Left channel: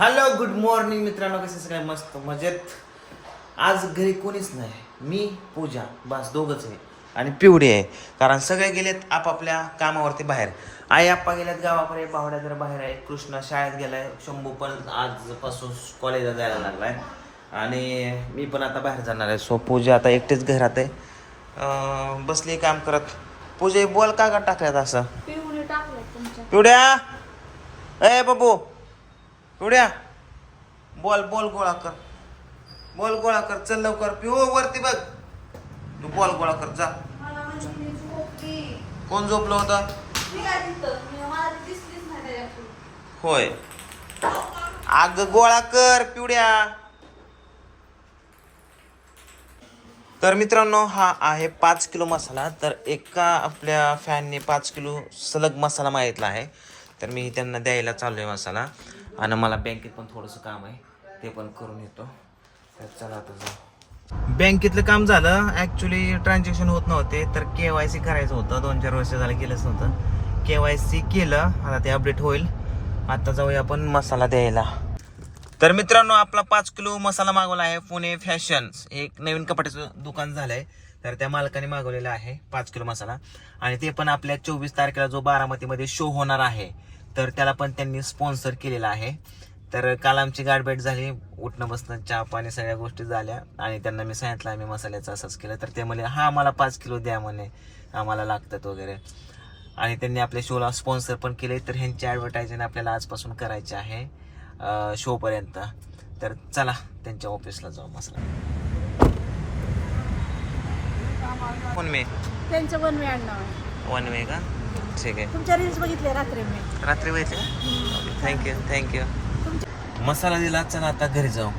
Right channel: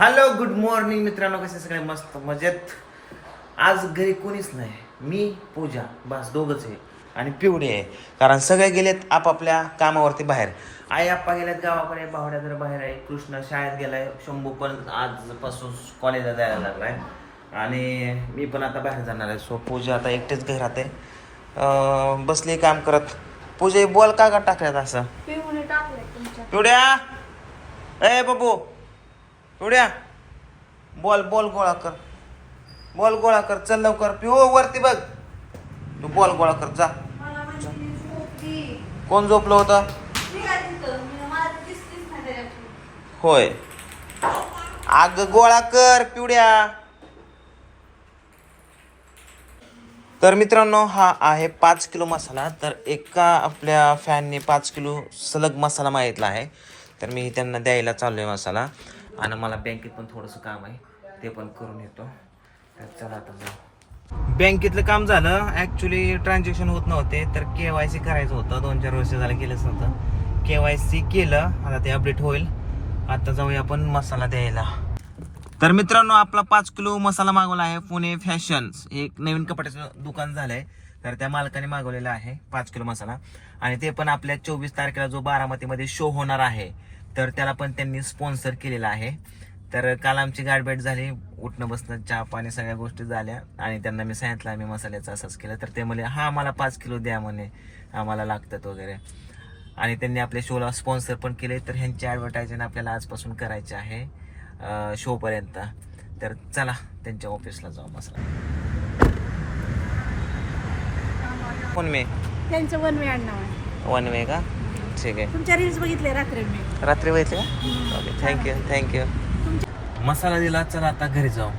Hello good morning मित्रांनो कसे सगळे? मस्त मजेत. आज घरी कोणीच नाही. मी पूजा बस दोघच आहे. आणि पिवडी आहे. कारण सगळे गेलेत आपापल्या कामावरती बाहेर. आई आप्पा गेल्यात गावाकडे. बावड्या जर बाहेर आहे. कृष्ण शाळेत गेलाय. शंभू पण आजपासून कॉलेजला जायला लागलाय. आणि मी पण आता बाहेर जाणार आहे. सो पूजा आता एकटेच घरात आहे. बसली काम करत. पूजा बॉल का का टाकल्यात असं? पिवड्या! ए बाबू! पिवड्या बॉल बॉल गोळा कर. बॉल गोळा कर चल लवकर. पिऊ वरती बघ. तू बॉल गोळा कर जा. कोण झोपलं होतं? होय. आग गोळा कर पिवड्या. तर मित्रांनो हा आहे पाच किलो मसाला. तर एका आपल्या फॅनने पाच किलो सलग मसाला मागितला आहे. तर मी त्यांना द्यायला चाललो आहे मसाला. आणि मला बँकेत पण थोडंसं काम आहे. ते पण करून येतो. तर चला आता जाऊ. बँकेतलं काम झालं. ॲक्च्युली ट्रान्झॅक्शन होत नव्हते तर के वाय सी करायचं होतं. दोन चार वर्ष झालं केलंच नव्हतं. के वाय सी केलं. आता ते अपडेट होईल. आता जाऊया आपण मसाला द्यायला. तर मित्रांनो आपला पाच किलो मसाला मागवला आहे पुणे फॅशन एक नवीन कपड्याचं दुकान झालं आहे तर त्या मालकाने मागवलेला आहे पाच किलो मसाला. आणि ते पण आपल्या चोवीस तारखेला जो बारामतीमध्ये शो होणार आहे. तर त्याला पण त्यांनी स्पॉन्सर केलेला आहे. तर काल आमची गाठभेट झाली. उठणं बसणं चहा पाणी सगळ्या गोष्टी झाल्या. आणि त्यांना मी सांगितलं आम्ही मसाल्याचं असंच केलं. तर ते म्हणले हा आम्हाला पाच किलो द्या म्हणे. आम्हाला लागतात वगैरे. आणि त्यांनी आपल्या शोला स्पॉन्सर पण केले. तर ह्यांची ॲडव्हर्टायझिंग आपल्याला आजपासून करायची आहे शो पर्यंत. तर चला त्यांच्या ऑफिसला जाऊ मसाला. कोण मे? त्यांचं वन वे आहे. वन मे का? ठीक आहे. तुमच्या रील्स बघितले रात्री मी. रात्री बघितले का? ओके थँक्यू थँक्यू मसाला दिला चला आता घरी जाऊ.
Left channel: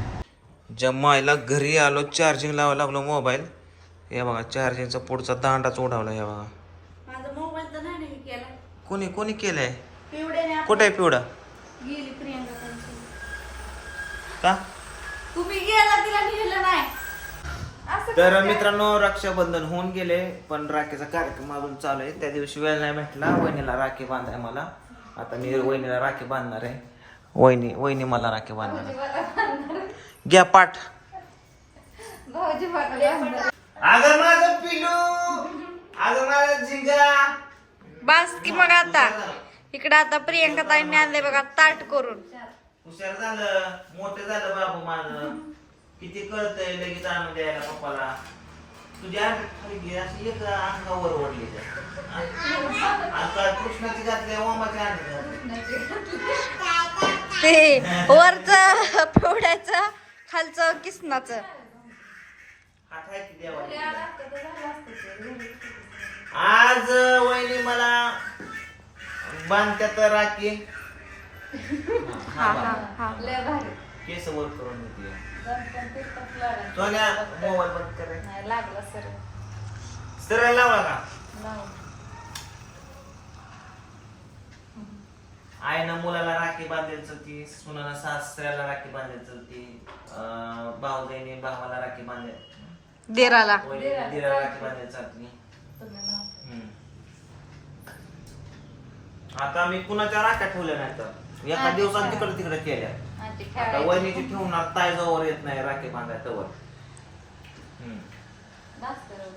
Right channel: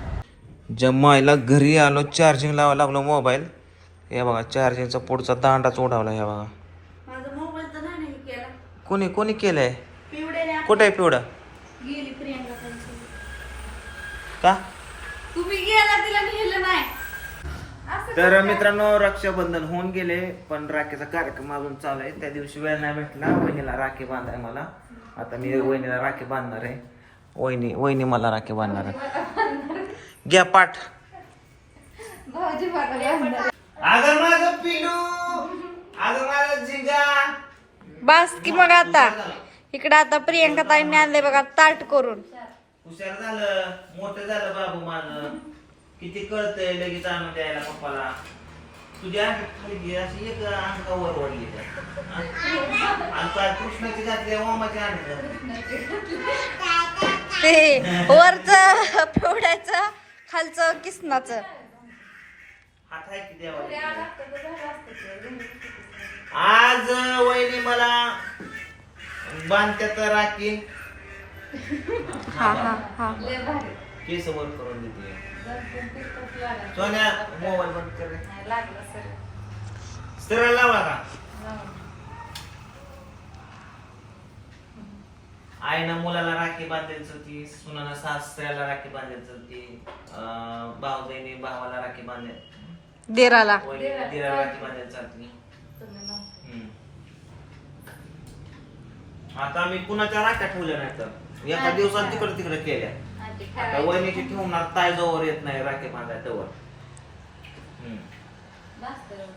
जमायला घरी आलो चार्जिंग लावायला लागलो मोबाईल हे बघा चार्जिंगचा पुढचा दांडाच उडावला हे बघा. माझा मोबाईल तर नाही ना हे केला. कोणी कोणी केलंय? कुठे आहे पिवडा? गेली प्रियांका त्यांची. का? तुम्ही गेला तिला नाही. तर मित्रांनो रक्षाबंधन होऊन गेले पण राखीचा कार्यक्रम अजून चालू आहे. त्या दिवशी वेळ नाही भेटला. वहिनीला राखी बांधाय मला. आता मी वहिनीला राखी बांधणार आहे. वहिनी वहिनी मला राखी बांधणार आहे. घ्या पाठ. अगं माझं पिलू. अगं माझा जिंगा बस की मग आता. इकडे आता प्रियंका ताईंनी आणले बघा ताट करून. हुशार झालं. मोठं झालं बाबू माझं. किती कळतंय लगेच आणून द्यायला पप्पाला? तुझ्या अंगात खाली घे अशी एक अंगावर ओढली आणि काय कृष्णाची घातली ओमाची आणली ते वरच पिवड्याचं खालचं किसनाचं. हात आहे की देवाला? आज वहिनी मला बांधत्यात राखी. हा हा हा. केस वर करून देते. सोन्या मोबाईल बंद कर रे. सरळ लावला का आईनं मुलाला राखी बांधायला चलती सुनाला सासऱ्याला राखी बांधायला चलती अं, भाऊजाईने भावाला राखी बांधाय देराला. वहिनीने दिराला. राखी बांधायला चालती. हम्म. आता मी कुणाच्या राख्या ठेवल्या नाही तर एका दिवसात तिकडे तिकडे केल्या. आता वहिनीची ठेवणार ताय जवळ येत नाही राखी बांधायला तवर. हम्म.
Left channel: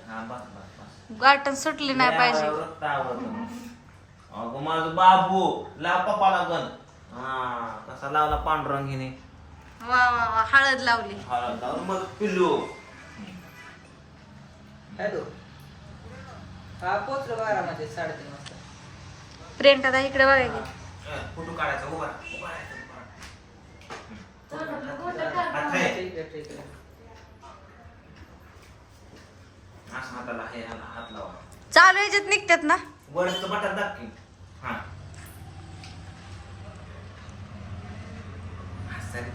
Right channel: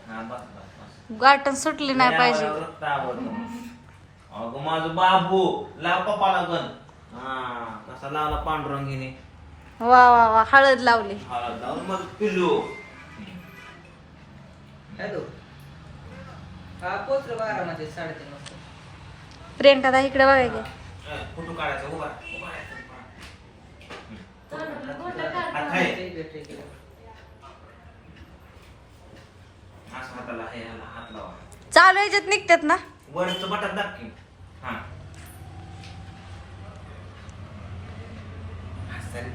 हा बस बस बस. गाठण सुटली नाही पाहिजे. आवडतं मग. अगं माझं बाबू लाव पप्पाला गण. हा कसा लावला पांडुरंगीने. वा वा वा हळद लावली. हळद लावून मग पिल्लू. हॅलो हा पोचलो बारामध्ये साडेतीन वाजता? प्रियंका इकडे बघा की. फोटो काढायचा उभा राहा, उभा राहा, आहे. आहे. असं हाताला हे ह्याला हात लावा. चालू याच्यात निघतात ना. वरचं बटन दाब की. हा. असं.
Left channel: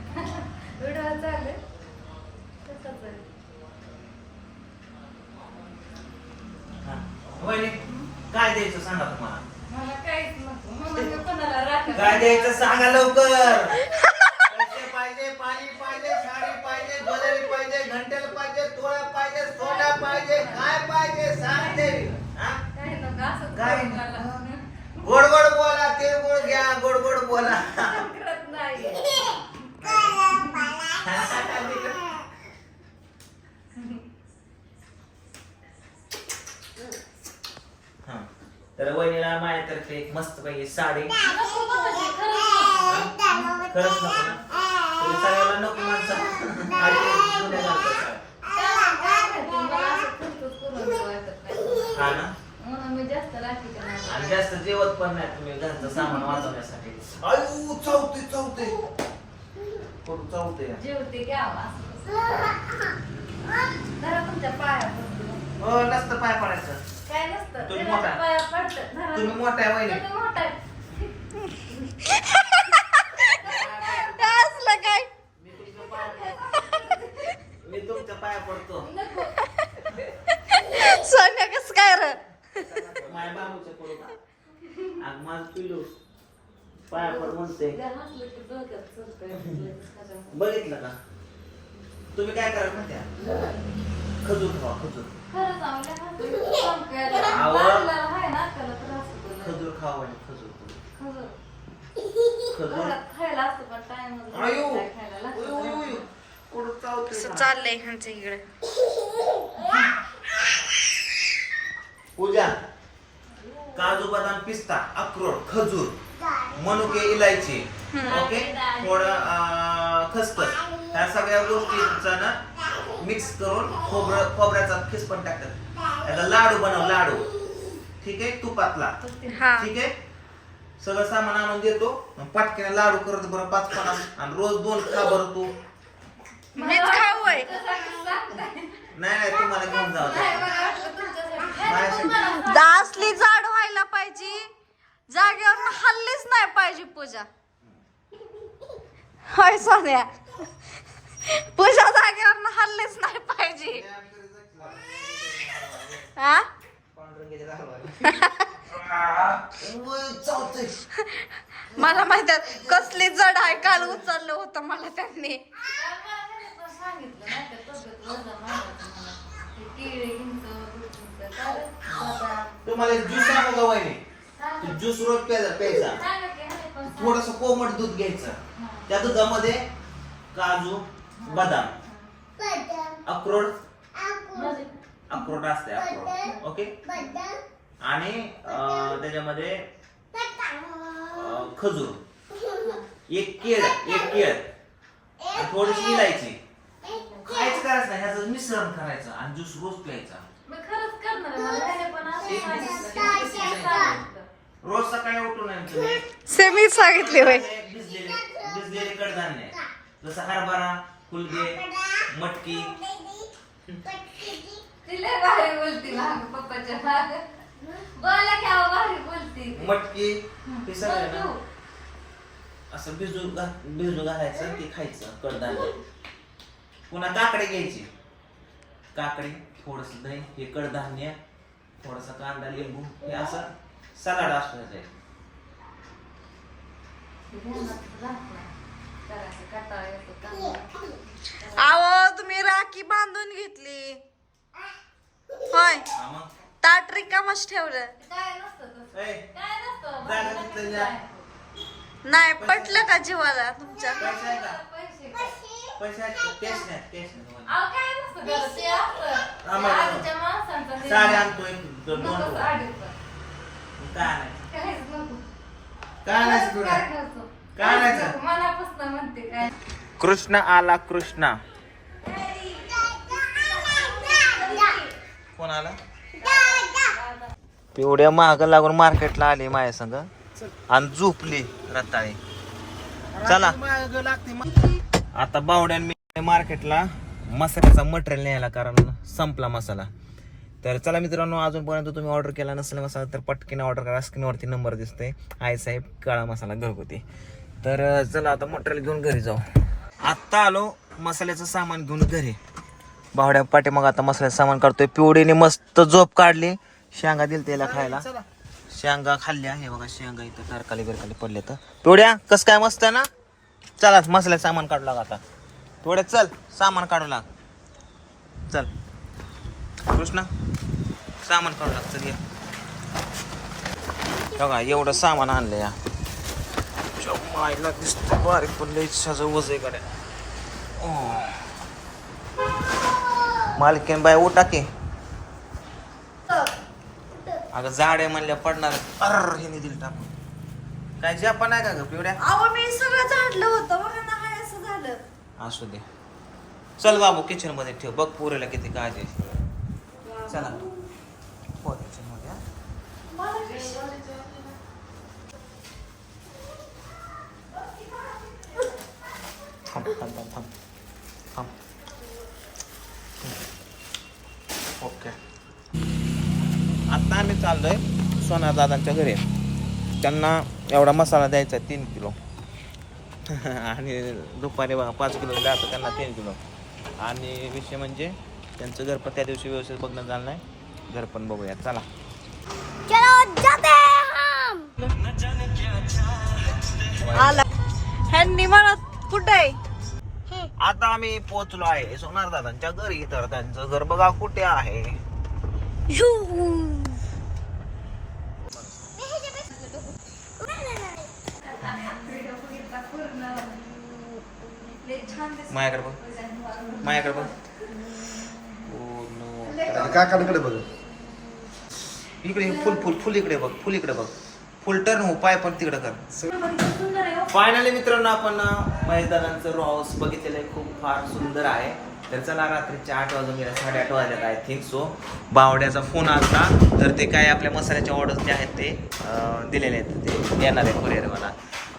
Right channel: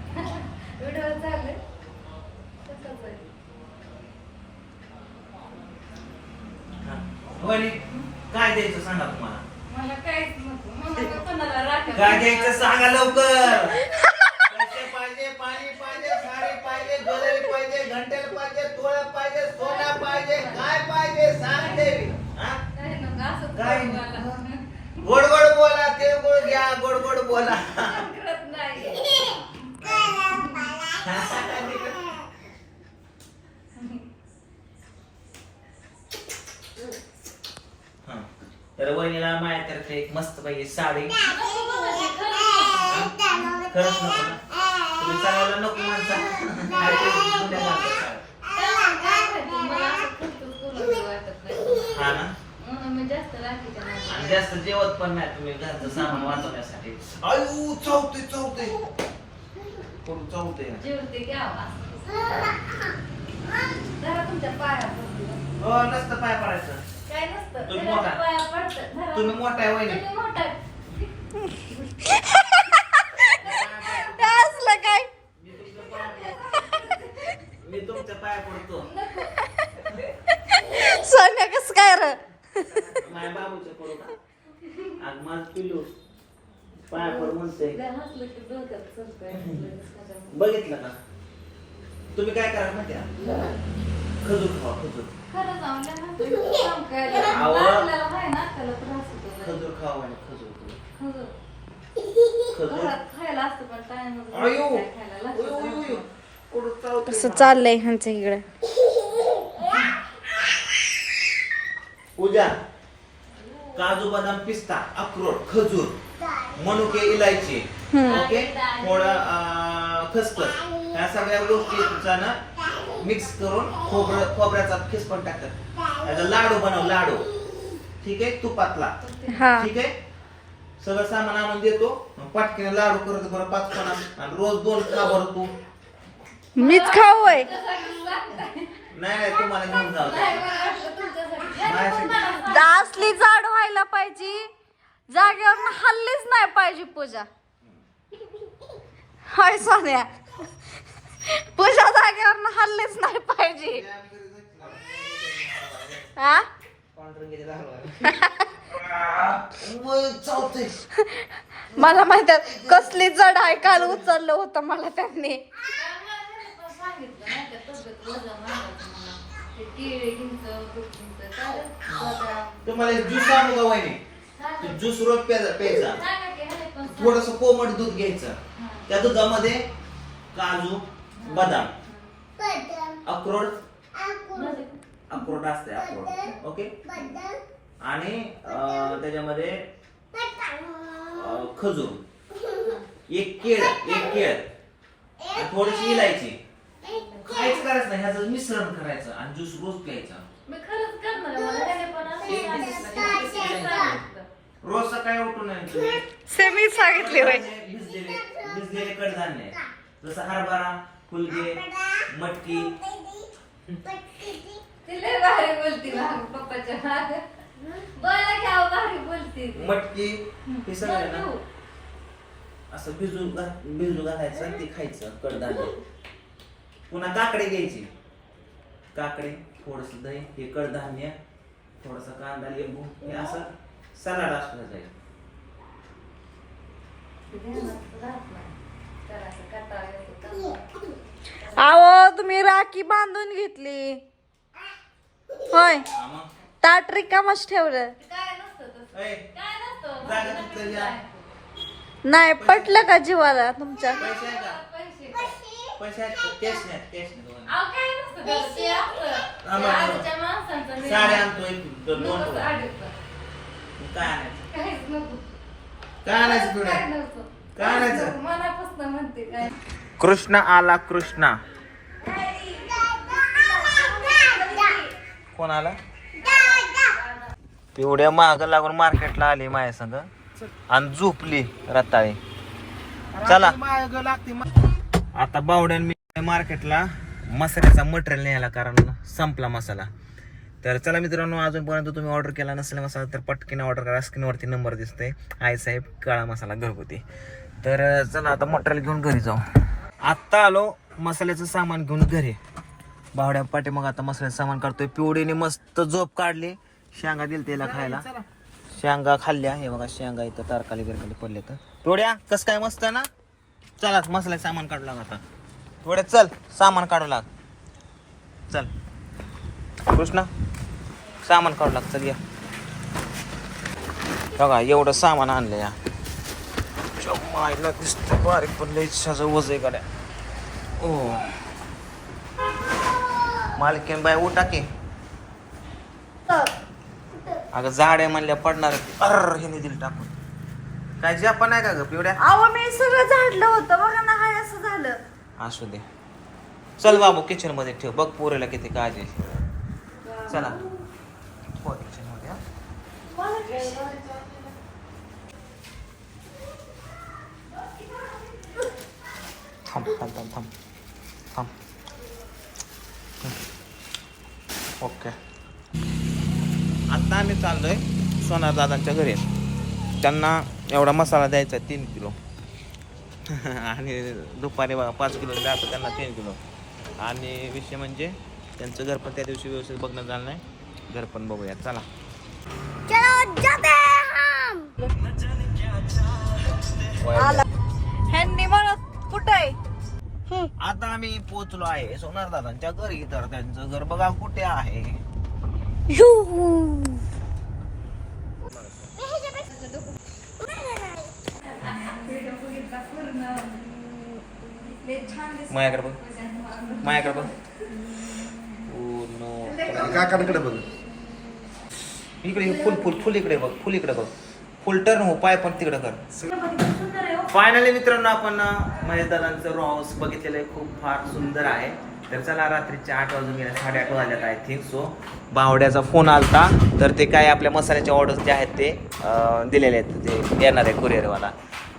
हा. वहिनी, काय द्यायचं सांगा तुम्हाला? काय द्यायचं सांगा लवकर पैसे पाहिजे पाणी पाहिजे साडी पाहिजे ज्वेलरी पाहिजे घंटेल पाहिजे तोळे पाहिजे सोना पाहिजे काय पाहिजे सांग देवी हा? काय गोड गोड बोला. हा. तर वहिनीला माझ्या तर ते मस्त पैकी साडी. खरंच नको ना? नको माणसा जुन्या हा आणि जास्त जेवत पण नाही तुम्ही घरचं सामान वाचवण्यासाठी. आयु चावते चावते कुठं चावते हो नसतं पाय पडायचं. काय नसतं? तुम्ही त्याला मोठा. पाया. धरा. तुम्ही मोठा आहे वहिनी. तुम्ही मोठा. काय असलं काय? मी तुमच्या पाया पडतो. सोन्या कस काय र? माझ्या बाबूच्या पुढे आज मग पिलू पाया म्हणते बघितलं का तुम्ही काय करा माहिती आहे? खजूर खावा खजूर खजूर खावा आणि खजूर खजूर चाललंय ह्यांच्या इकडे पूजा काजू बदाम पिस्ता अक्रोड खजूर मनुके इलायची. ओके? थोडं खसखस. ह्या सगळ्या गोष्टीचा ना मिक्स करून खोबरं खोबऱ्याचा खिस पण टाकतात. त्याचा लाडू बनव लाडू. ठीक आहे? तुपातला. हा. ठीक आहे? सगळं सामान आणून देतो. पाटकीने लाडू करत बरं पाच पणा आणि रोज दोन खा बरं तू. मीच खाऊ नाही नाही तुम्हाला घेऊन जावं माझ्यासाठी असली जाड व्हायला पाहिजे. जागेवर हल्लीच नाही पाहिजे पूजा. होय सोन्या. पूजा जागेवर हल्लीच नाही पाहिजे. हा दारावर. वय. मला माहीत आहे, कसली जड आहे काल उचललं होतं मला त्यांनी. तुम्हाला ज्यूस सांगू का वहिनी? ज्यूस रोज प्यायचा प्यायचा. थोडस कोमट दूध घ्यायचं. त्या दुधामध्ये काजू बदाम. अक्रोड. अक्रोड असते अक्रोड. ओके? आणि त्याच्यामध्ये खजूर. एक केळ एक केळ. थोडीशी इलायची. काहीच करायचं नाही ह्याचं मिश्रण करायचं आणि ज्यूस रोज प्यायचा. रोज सकाळी उठून तुम्ही सेमी सांगितले भिजलेले भिजलेले कडधान्य आहे. जसं हरभरा फुलगे मटकी. मटकी हे सगळं आहे ना असं भिजू घा भिजू घालायचं ते खायचं कडधान्य. पुन्हा काकडे घ्यायची. काकडे थोडस दही हे कडधान्य थोडासा कांदा लिंबू हे असं सलाड असलं जाईल. अहो तुम्ही राखी बांधून घेतली. होय. ताट रिकामच ठेवलं. नाही पटलं का जीवाला तुमच्या? पैसे आहे पैसे आहेत का? कॅश नाही कॅश नाही दोघांना. साडे आणतो एक दोन दोन टोळ्या. काय आणायचं? काय आणायचं तुला? काय आणायचं? मनापासून म्हणते. काय कृष्ण आला कृष्णा. कोण आला? तेवढ्या महाग लागून मार्केटला आली माझ्या संग. आणि झोपली रताळी. चला. आता बावड्यान मी मार्केटला मसाल्याचा मटेरियल न्यायला कारण संपला मसाला. तर चला मित्रांनो अजूनपर्यंत तुम्ही ऑर्डर केला नसेल मसाला तर पटकीने ऑर्डर करा. स्क्रीनवरती नंबर दिसतोय. आई साहेब काळा मसाला घरगुती. तर चला आता मटेरियल घेऊन घरी जाऊ. आत्ता आलो मसाल्याचं सामान घेऊन घरी. बावड्या पाठी मग आता मसाल्याचं सामान काढतोय. पिवडीने मस्त झोप काढली. शेंगा दिल त्याला खायला. शेंगा खाल्ल्या. हे बघा शेंगा इथं तारकाली बिरकाली पडले तर पिवड्या कस काय मस्त आहे ना? चला मसाल्याचं सामान काढू लाग आता. थोडं चल सामान काढू लाग. चल. कृष्णा सामान काढू लाग चल या. बघा एवढं सामान आणलं या. मायला दिसतंय बारीक पण लई इच्छाचं वजय गाड्या. ओ. मालकीन बाय उठा की. अगं झाड आहे म्हणल्या पडणार अर हे दिलं टाकून. काय जपान आहे का ग पिवड्या अहो मी सगळं झाडलं होतं बघा ना हाय असं झालं. असू दे. चल बाबू किचनमध्ये ठेव. बघ पोरेला किती काळजी आहे. चला. हो किचनमध्ये. थांब थांब थांब. थांब. ओके. आता आम्ही चाललोय सोनार दादांच्या घरी. त्यांना एवढा मसाला द्यायचा तीन किलो. आणि दुपारी बघा पाच किलो द्यायचं त्यांना तीन किलो. आणि विषय म्हणजे त्यांचं घर पण त्या दिवशी व्यवस्थित बघणं झालं नाही. घर पण बघूया चला. आता आम्ही पोहोचलो आहे सोनार दादांच्या घरी तर त्यांचं घर बघा कुठे आहे. माझ्याकडे बघ. माझ्याकडे बघ. Oh no. काकांकडे बघ. इकडे फुल फुल फुल इकडे बघ फुल इकडे बघ. फुल टर्न हो पाय पण तिकडे कर फायनली मित्रांनो आपण मैदानांचं रो हाऊस बघितलेलं आहे. खूप फार सुंदर आहे. तर चला रात्रीचे आठ वाजून गेले साडेआठ वाजल्यात आय थिंक सो बावड्याचा फोन आलता. तर ते काय आपल्या मसाल्याचे ऑर्डर्स जे आहेत ते दिलेले आहेत. ते देणार आहे कुरिअरवाला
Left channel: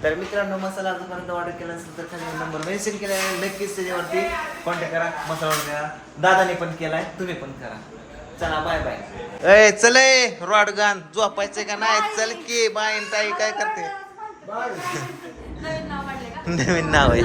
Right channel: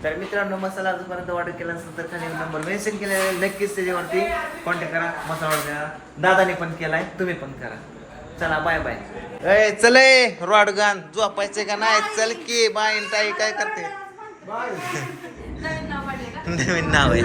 तर मित्रांनो मसाला अजूनपर्यंत ऑर्डर केला असेल तर खाली नंबर मेन्शन आहे. नक्कीच त्याच्यावरती कॉन्टॅक्ट करा. मसाला ऑर्डर करा. दादाने पण केलाय तुम्ही पण करा. चला बाय बाय ए चले रॉडगान झोपायचे का नाही? चल की बाय ताई काय करते? नवीन नाव आहे.